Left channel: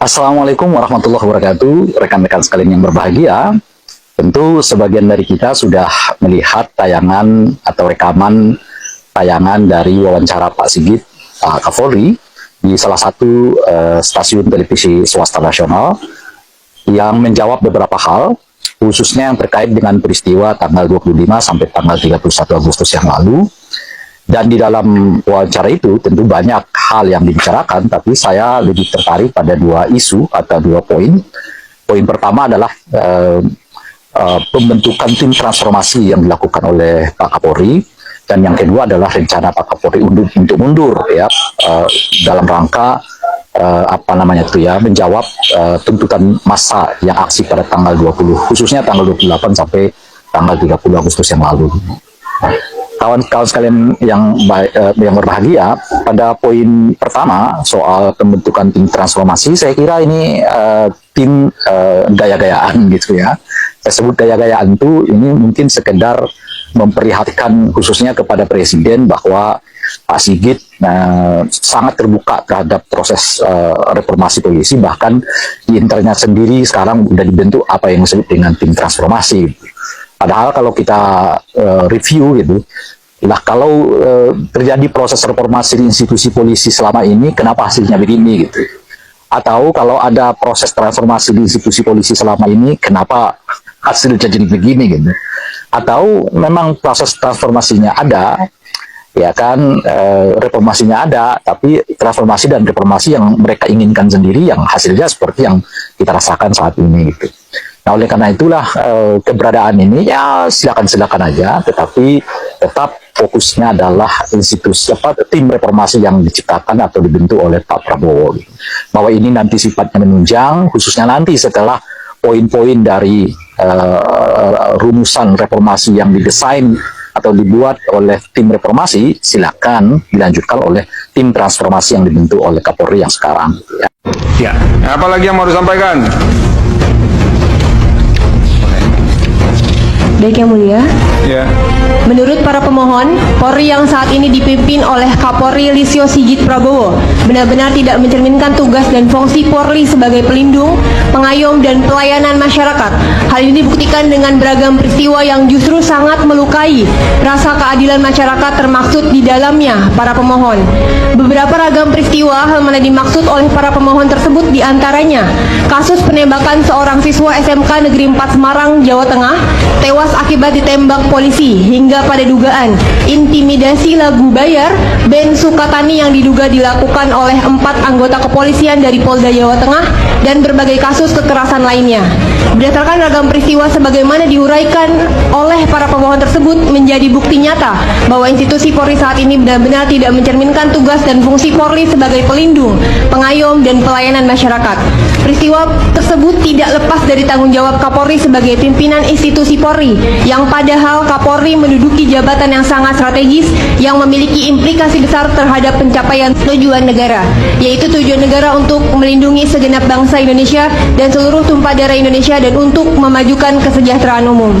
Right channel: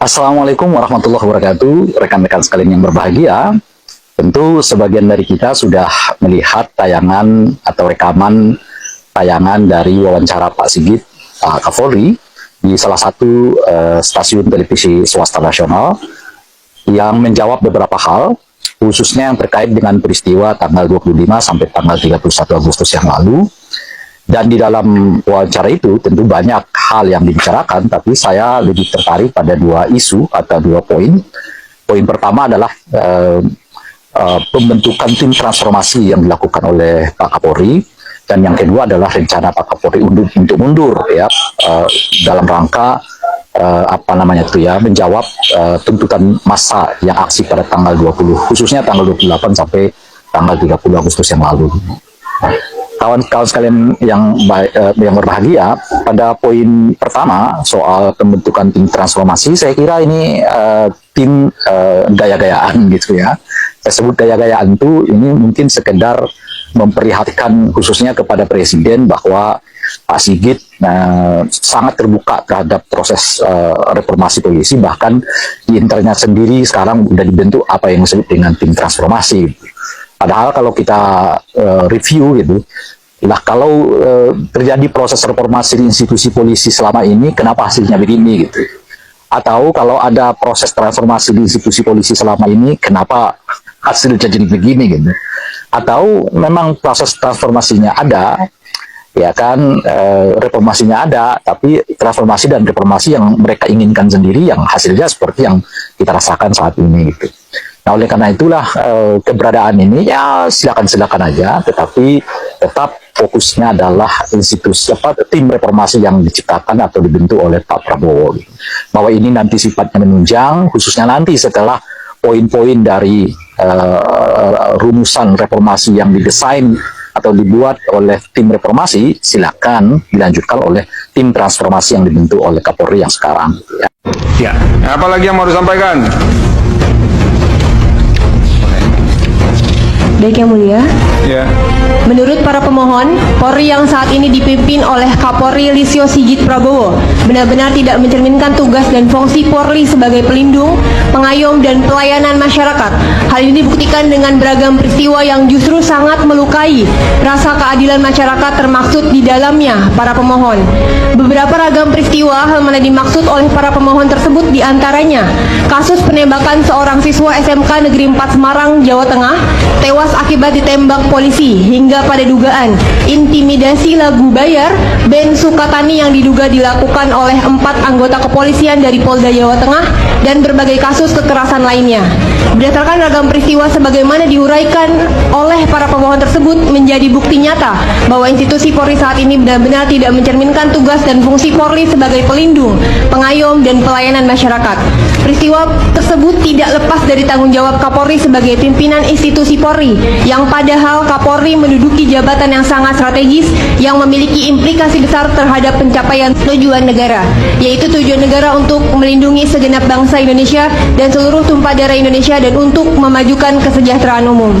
Assalamualaikum warahmatullahi wabarakatuh, rekan-rekan sekalian yang berbahagia. Tentu sebagian dari kita sudah melihat tayangan atau rekaman tayangan dari wawancara Pak Sigit, Pak Kapolri, di salah satu stasiun televisi swasta nasional yang menjawab beberapa hal, khususnya yang terkait dengan peristiwa tanggal 25 sampai tanggal 31 Agustus yang lalu. Dan di dalam wawancara itu tentu banyak hal yang dibicarakan, tapi saya lebih tertarik pada dua isu atau dua poin. Poin pertama adalah pembentukan tim transformasi yang dilakukan oleh Pak Kapolri, dan yang kedua adalah rencana Pak Kapolri untuk mundur ya, dalam rangka menjawab tuntutan massa yang aksi pada tanggal 20, khususnya tanggal 28 sampai tanggal 30 Agustus yang lalu. Kawan-kawan sekalian yang berbahagia, pada poin pertama soal pembentukan tim transformasi, saya kira ini tim gaya-gayaan gitu ya. Saya sebut gaya-gayaan itu ini mungkin sekedar memperlihatkan khususnya kepada Presiden bahwa Pak Sigit sangat terbuka terhadap proses reformasi polisi, bahkan di internalnya sendiri sekarang sudah dibentuk apa yang disebut dengan tim transformasi. Padahal kalau kita review gitu, kalau terjadi proses reformasi di institusi polisi selama ini, kenapa hasilnya begini gitu? Atau kalau ada proses transformasi di institusi polisi selama ini, kenapa hasilnya jadi begini gitu? Atau memang proses transformasinya ada, ya kan, reformasinya ada, tapi transformasi dan reformasi yang mereka inginkan sendiri, yang hasilnya seperti yang kita rasakan saat ini gitu. Nah, oleh karena itulah keberadaan ini ya silakan aja, tetapi tetap fokusnya adalah institusi tim reformasi yang diciptakan atau dibentuk oleh Pak Prabowo. Gitu. Bahwa ini nanti sifatnya menunjang, khususnya nanti setelah poin-poin dari rumusan reformasi yang didesain atau dibuat oleh tim reformasi, silakan dilanjutkan oleh tim transformasi yang dibentuk oleh Kapolri yang sekarang. Ya, apalagi yang mau disampaikan? Baik Yang Mulia, Ya. menurut para pemohon, Polri yang saat ini dipimpin oleh Kapolri Listio Sigit Prabowo benar-benar tidak mencerminkan tugas dan fungsi Polri sebagai pelindung, pengayom, dan pelayanan masyarakat. Hal ini dibuktikan dengan beragam peristiwa yang justru sangat melukai rasa keadilan masyarakat, termaksud di dalamnya para pemohon. Beberapa ragam peristiwa hal mana dimaksud oleh para pemohon tersebut diantaranya kasus penembakan seorang siswa SMK Negeri 4 Semarang, Jawa Tengah, tewas akibat ditembak polisi, hingga pada dugaan intimidasi lagu bayar Ben Sukatani yang diduga dilakukan oleh 4 anggota kepolisian dari Polda Jawa Tengah, dan berbagai kasus kekerasan lainnya. Berdasarkan ragam peristiwa sebagaimana diuraikan oleh para pemohon tersebut, menjadi bukti nyata bahwa institusi Polri saat ini benar-benar tidak mencerminkan tugas dan fungsi Polri sebagai pelindung, pengayom, dan pelayanan masyarakat. Peristiwa tersebut tidak lepas dari tanggung jawab Kapolri sebagai pimpinan institusi Polri, yang padahal Kapolri menduduki jabatan yang sangat strategis yang memiliki implikasi besar terhadap pencapaian tujuan negara, yaitu tujuan negara untuk melindungi segenap bangsa Indonesia dan seluruh tumpah darah Indonesia, dan untuk memajukan kesejahteraan umum.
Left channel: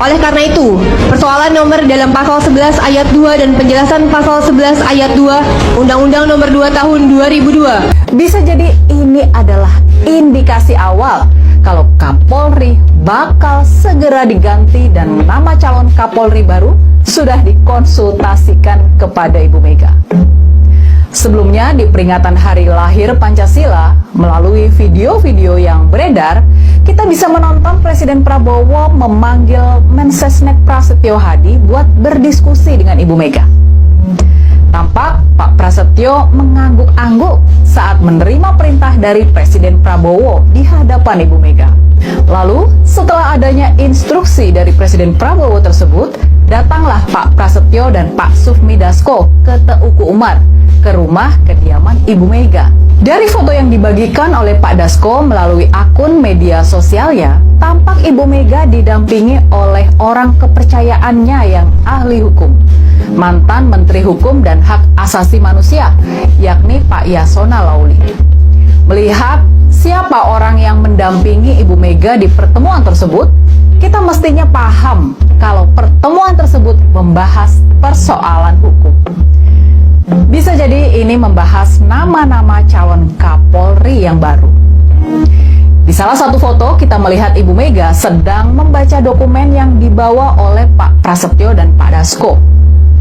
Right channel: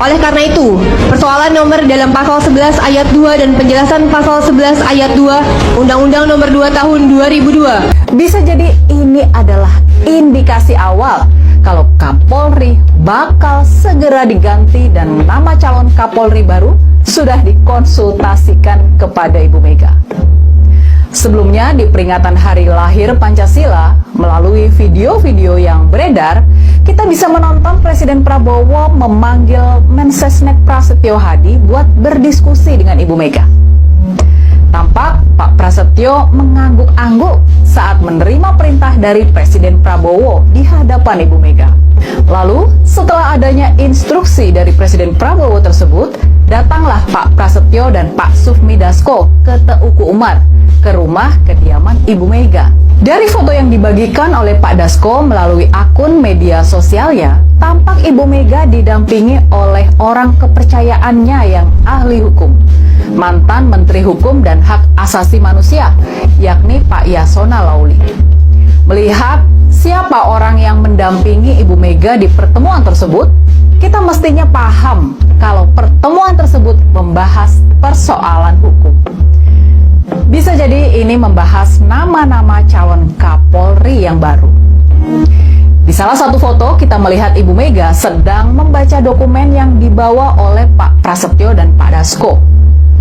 Oleh karena itu, persoalan nomor dalam pasal 11 ayat 2 dan penjelasan pasal 11 ayat 2 Undang-Undang nomor 2 tahun 2002 bisa jadi ini adalah indikasi awal kalau Kapolri bakal segera diganti dan nama calon Kapolri baru sudah dikonsultasikan kepada Ibu Mega. Sebelumnya, di peringatan Hari Lahir Pancasila, melalui video-video yang beredar, kita bisa menonton Presiden Prabowo memanggil Mensesnek Prasetyo Hadi buat berdiskusi dengan Ibu Mega. Tampak Pak Prasetyo mengangguk-angguk saat menerima perintah dari Presiden Prabowo di hadapan Ibu Mega. Lalu, setelah adanya instruksi dari Presiden Prabowo tersebut, datanglah Pak Prasetyo dan Pak Sufmi Dasko ke Teuku Umar, ke rumah kediaman Ibu Mega. Dari foto yang dibagikan oleh Pak Dasko melalui akun media sosialnya, tampak Ibu Mega didampingi oleh orang kepercayaannya yang ahli hukum, mantan Menteri Hukum dan Hak Asasi Manusia, yakni Pak Yasona Lauli. Melihat siapa orang yang mendampingi Ibu Mega di pertemuan tersebut, kita mestinya paham kalau pertemuan tersebut membahas persoalan hukum. Bisa jadi ini membahas nama-nama calon Kapolri yang baru. Di salah satu foto kita melihat Ibu Mega sedang membaca dokumen yang dibawa oleh Pak Prasetyo dan Pak Dasko.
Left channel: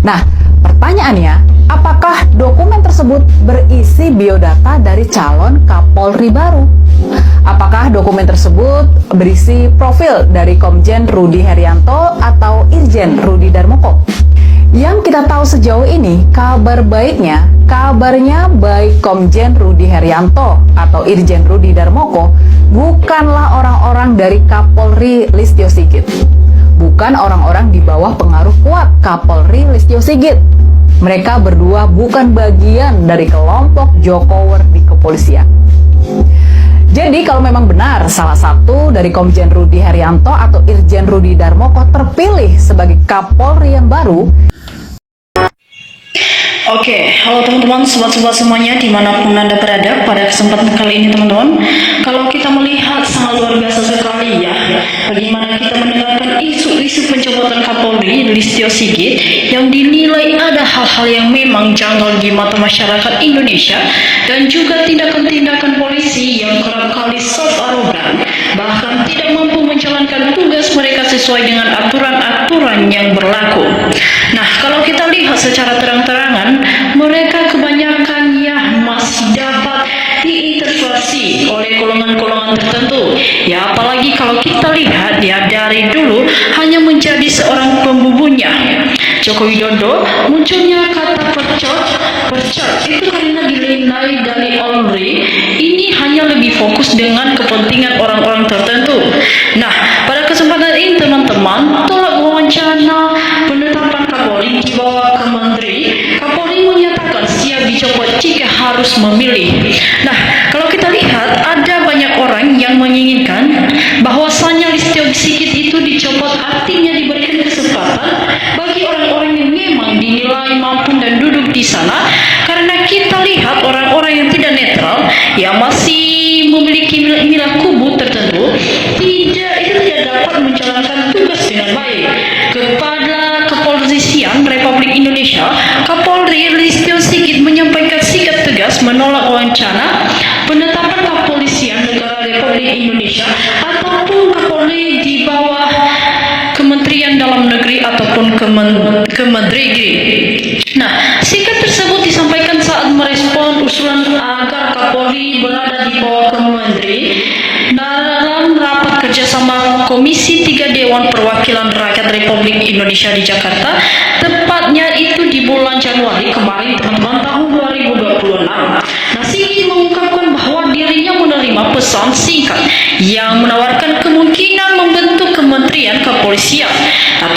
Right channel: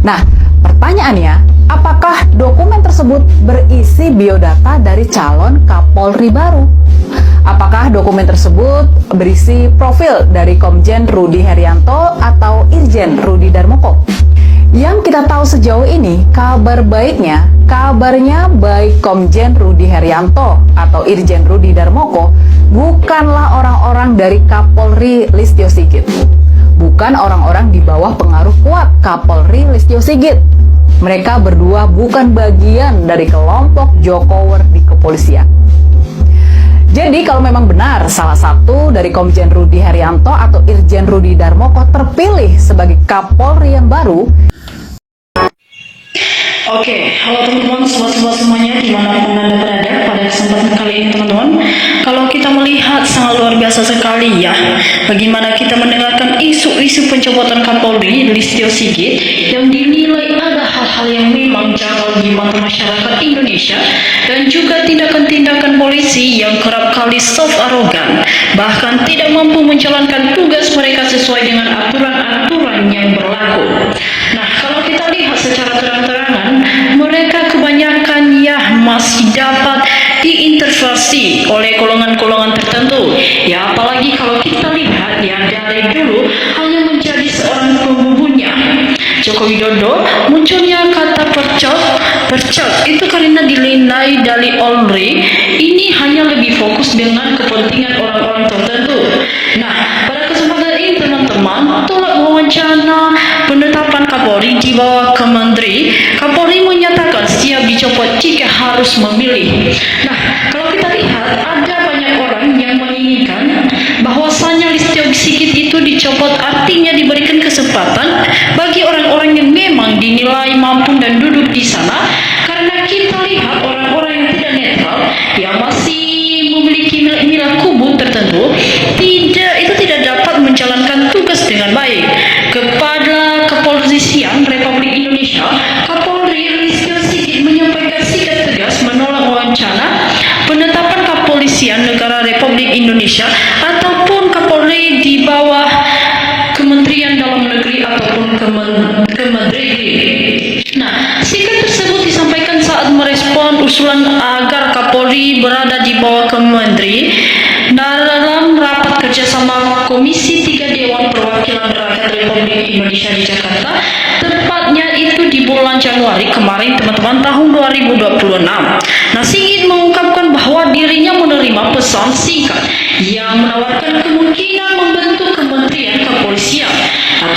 Nah, pertanyaannya, apakah dokumen tersebut berisi biodata dari calon Kapolri baru? Apakah dokumen tersebut berisi profil dari Komjen Rudi Herianto atau Irjen Rudi Darmoko? Yang kita tahu sejauh ini, kabarnya baik Komjen Rudi Herianto atau Irjen Rudi Darmoko bukanlah orang-orang dari Kapolri Listio Sigit. Bukan orang-orang di bawah pengaruh kuat Kapolri Listio Sigit. Mereka berdua bukan bagian dari kelompok Jokower di kepolisian. Jadi kalau memang benar salah satu dari Komjen Rudi Herianto atau Irjen Rudi Darmoko terpilih sebagai Kapolri yang baru. Oke, halo teman-teman, sobat-sobat semuanya dimanapun Anda berada pada kesempatan kali ini teman-teman. Kalau kita melihat sangat luar biasa sekali ya, bagaimana kita mendengarkan isu-isu pencopotan Kapolri Listio Sigit yang dinilai ada hal-hal yang memang janggal di mata masyarakat Indonesia dan juga tindakan-tindakan polisi yang kerap kali self-arogan, bahkan tidak mampu menjalankan tugas mereka sesuai dengan aturan-aturan yang berlaku. Nah, kalau kita lihat secara terang-terangan, mereka kebanyakan ya masih dapat diintervensi oleh golongan-golongan tertentu. Ya, apalagi kalau kita lihat ya dari dulu hanya menjadi seorang pembunuhnya. Joko Widodo munculnya kata percok itu karena dinilai dari Olri ini hanya lebih fokus dengan kepentingan orang-orang tertentu. Nah, pada kesempatan ini teman-teman, tolak wawancara penetapan Kapolri di bawah Kementeri, Kapolri menyatakan siap dicopot jika harus memilih. Nah, kalau kita lihat ada banyak orang yang menginginkan bahwasanya Listio Sigit itu dicopot, artinya diberikan kesempatan bagi orang-orang yang memang dinilai mampu dan duduk di sana, karena kita lihat orang-orang yang tidak netral yang masih memiliki nilai kubu tertentu tidak dapat menjalankan tugas dengan baik. Kepada Kepolisian Republik Indonesia, Kapolri Listio Sigit menyampaikan sikap tegas menolak wacana penetapan Kepolisian Negara Republik Indonesia ataupun Kapolri di bawah Kementerian Dalam Negeri ataupun Kementeri. Nah, sikap tersebut disampaikan saat merespon usulan agar Kapolri berada di bawah Kementeri dalam rapat kerjasama Komisi 3 Dewan Perwakilan Rakyat Republik Indonesia di Jakarta, tepatnya itu di bulan Januari kemarin teman-teman, tahun 2026. Nah, Sigit mengungkapkan bahwa dirinya menerima pesan singkat yang menawarkan kemungkinan membentuk Kementerian Kepolisian,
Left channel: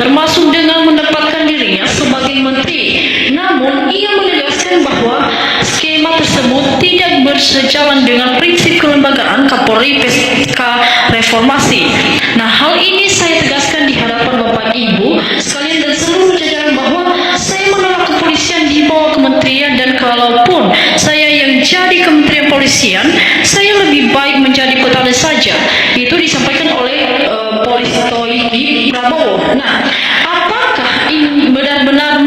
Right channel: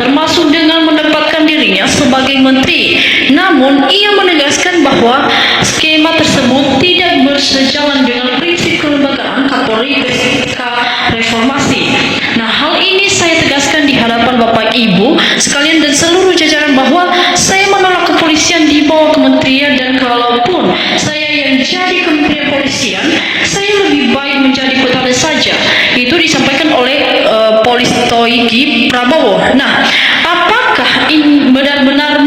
termasuk dengan menempatkan dirinya sebagai menteri. Namun, ia menegaskan bahwa skema tersebut tidak bersejalan dengan prinsip kelembagaan Kapolri pasca reformasi. Nah, hal ini saya tegaskan di hadapan Bapak Ibu sekalian dan seluruh jajaran bahwa saya menolak kepolisian di bawah kementerian, dan kalaupun saya yang jadi kementerian polisian, saya lebih baik menjadi petani saja. Itu disampaikan oleh Polistoiki Prabowo. Nah, apakah ini benar-benar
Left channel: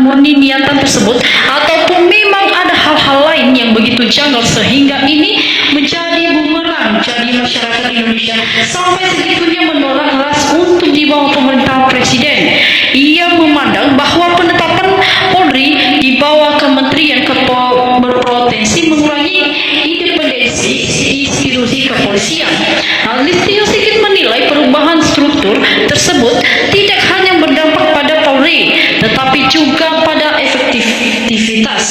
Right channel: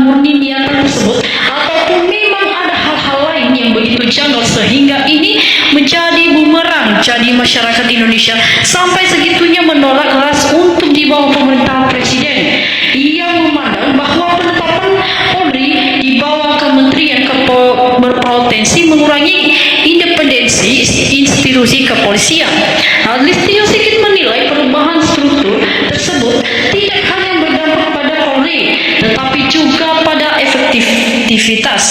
murni niatan tersebut, ataupun memang ada hal-hal lain yang begitu janggal sehingga ini menjadi bumerang jadi masyarakat Indonesia sampai segitunya menolak keras untuk di bawah pemerintahan presiden. Ia memandang bahwa penetapan Polri di bawah kementerian berpotensi mengurangi independensi institusi kepolisian. Listio Sigit menilai perubahan struktur tersebut tidak hanya berdampak pada Polri, tetapi juga pada efektivitas.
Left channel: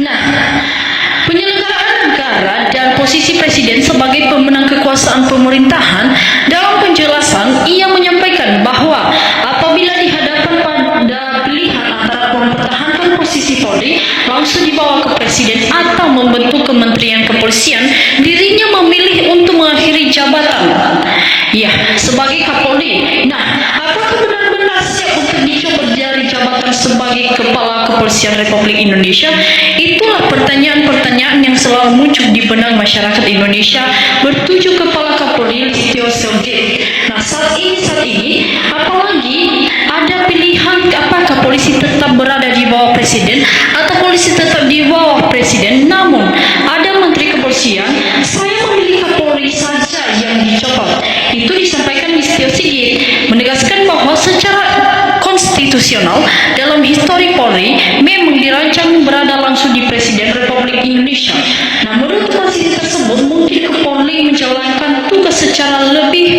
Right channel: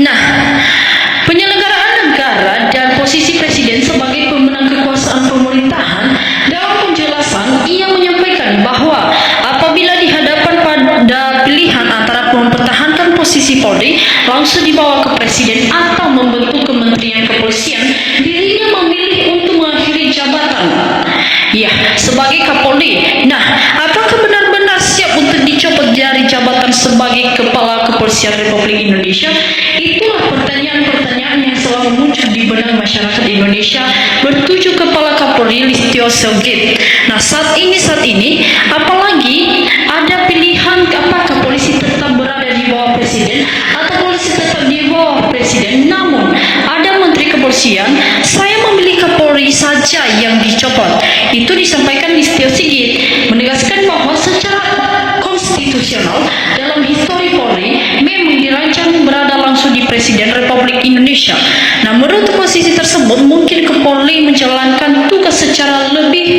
Nah, penyelenggaraan negara dan posisi presiden sebagai pemenang kekuasaan pemerintahan. Dalam penjelasan, ia menyampaikan bahwa apabila dihadapkan pada pilihan antara mempertahankan posisi Polri langsung dibawa ke presiden atau membentuk Kementerian Kepolisian, dirinya memilih untuk mengakhiri jabatan ya sebagai Kapolri. Nah, apakah benar-benar siap untuk dicopot dari jabatan sebagai Kepala Kepolisian Republik Indonesia? Itulah pertanyaan-pertanyaan yang selalu muncul di benak masyarakat Indonesia bertuju Kepala Kapolri Listio Sigit. Nah, saat ini apalagi ada pilihan apakah polisi tetap berada di bawah presiden atau polisi tetap di bawah presiden, namun ada menteri kepolisian. Saya secara lebih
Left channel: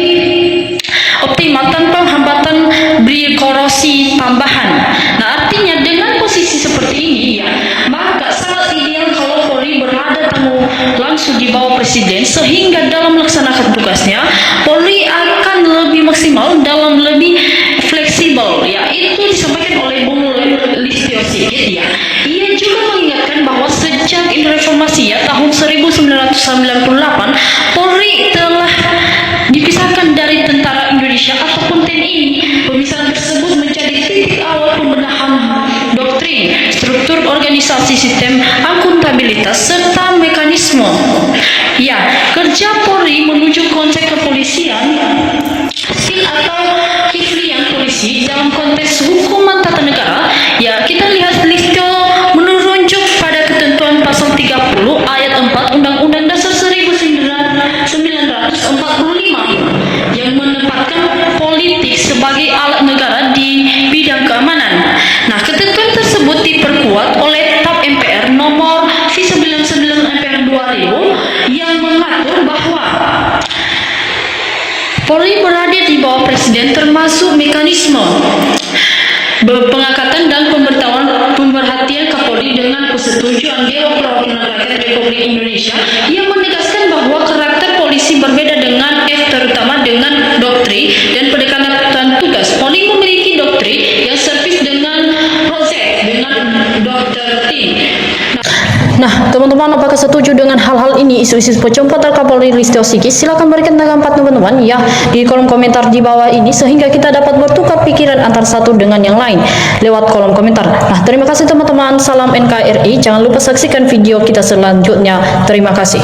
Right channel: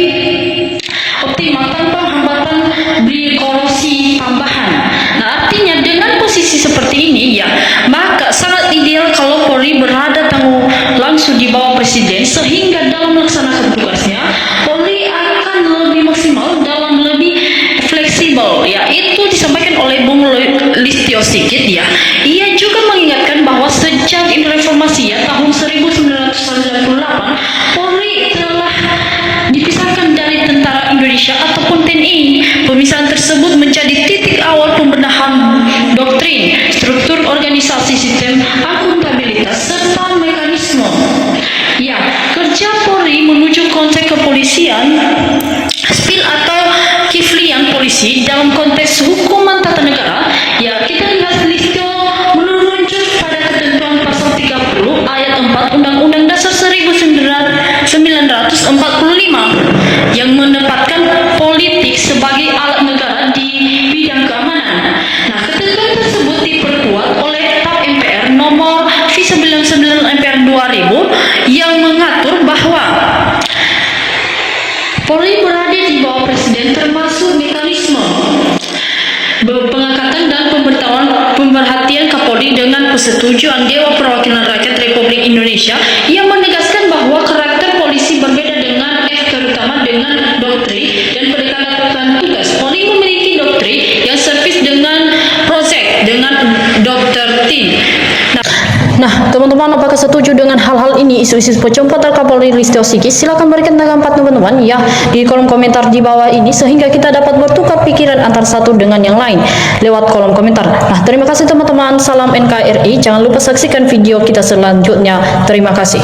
optimal tanpa hambatan birokrasi tambahan. Nah, artinya dengan posisi seperti ini ya, maka sangat ideal kalau Polri berada langsung di bawah Presiden, sehingga dalam melaksanakan tugasnya Polri akan lebih maksimal dalam lebih fleksibel. Ya, itu disampaikan oleh Bung Listio Sigit ya. Ia juga mengingatkan bahwa sejak reformasi ya tahun 1998 Polri telah dipisahkan dari Tentara Indonesia ataupun TNI. Pemisahan tersebut menjadi titik awal pembenahan doktrin, struktur organisasi, sistem akuntabilitas serta mekanisme. Ya, kerja Polri menuju konsep kepolisian, spin atau kiflian polisi dalam konteks hukuman tata negara. Ya, kita lihat Listio merujuk pada ketentuan pasal 30 ayat 4 Undang-Undang Dasar 1945 yang menempatkan politik sebagai alat negara di bidang keamanan. Nah, ketentuan tersebut diperkuat oleh PAP MPR nomor V99 MPR 2000 yang mengatur bahwa Polri berada di bawah Presiden termasuk mekanisme pengangkatan dan pemerhatian Kapolri dengan persetujuan Dewan Perwakilan Rakyat Republik Indonesia yang menegaskan bahwa karakter polisi berbeda dengan terutama dengan doktrin dan pendekatan tugas. Polri memiliki doktrin yang servis dengan projek dengan dokter tim. Nah, teman-teman, apakah setuju dengan hal-hal ini, isu-isu pencopotan Kapolri Listio Sigit? Silakan berikan tanggapan teman-teman ya di kolom komentar di bawah ini, sehingga kita dapat bertukar pikiran antara satu dengan yang lain lewat kolom komentar. Nah, terima kasih teman-teman. Salam NKRI. Jangan lupa saksikan video kita selanjutnya. Terima kasih.